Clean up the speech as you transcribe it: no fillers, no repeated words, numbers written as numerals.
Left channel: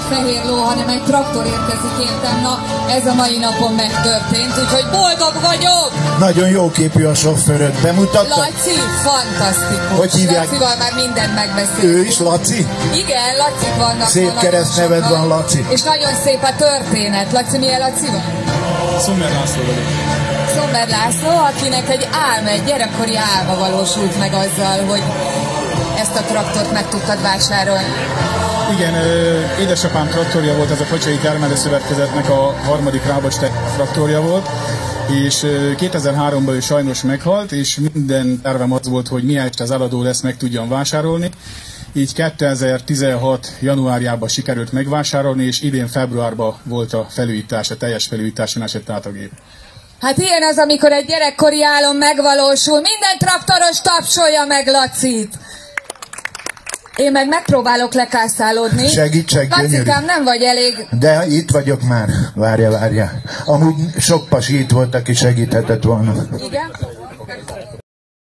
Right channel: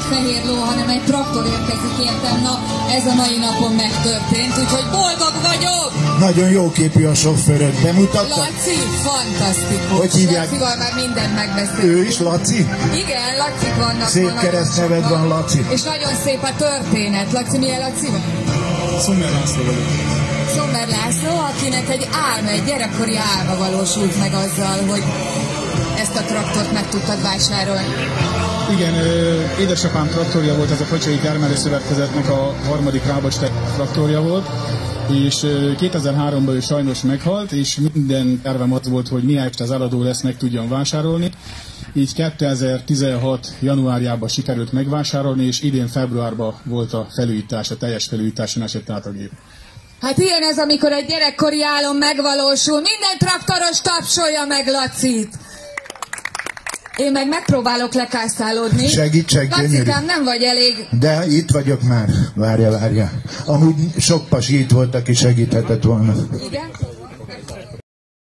egy fehér ló, hanem egy traktor érkezik értem. Na, ez a mai napon megtörtént, úgyhogy boldog vagyok! Nagyon jó képű a sofőröd, bemutatta? Laci, fantasztikus. Hogy hívják? Lacival már mindent megbeszéltünk. Ő is Laci? Igen, Lacik vannak. Szép keresztneved van, Laci. És nagyon szép a történet. Laci, milyen Laci van? Szomber László vagyok. Szomber László, akinek egy álma, egy gyerekkori álma valósult meg azzal, hogy ezt a traktort meg tudtad vásárolni. Igen, édesapám traktorja volt, ez a Kocsai Kármely Szövetkezetnek a harmadik Rábacs traktorja volt, és 2003-ban ő sajnos meghalt, és minden tervem az volt, hogy miért az eladó lesz, meg tudjam vásárolni. Így 2016. januárjában sikerült megvásárolni, és idén februárban volt a felújítás, a teljes felújításon esett át a gép. Hát ilyen az, amikor egy gyerekkori álom megvalósul. Minden traktoros tapsolja meg Lacit! Én meg megpróbálok lekászálódni. Segíts, gyönyörű. Lacikám, nem vagy elég. De itt vagyok már. Várja. Amúgy sok pasi itt volt, aki segíthetett volna. Igen?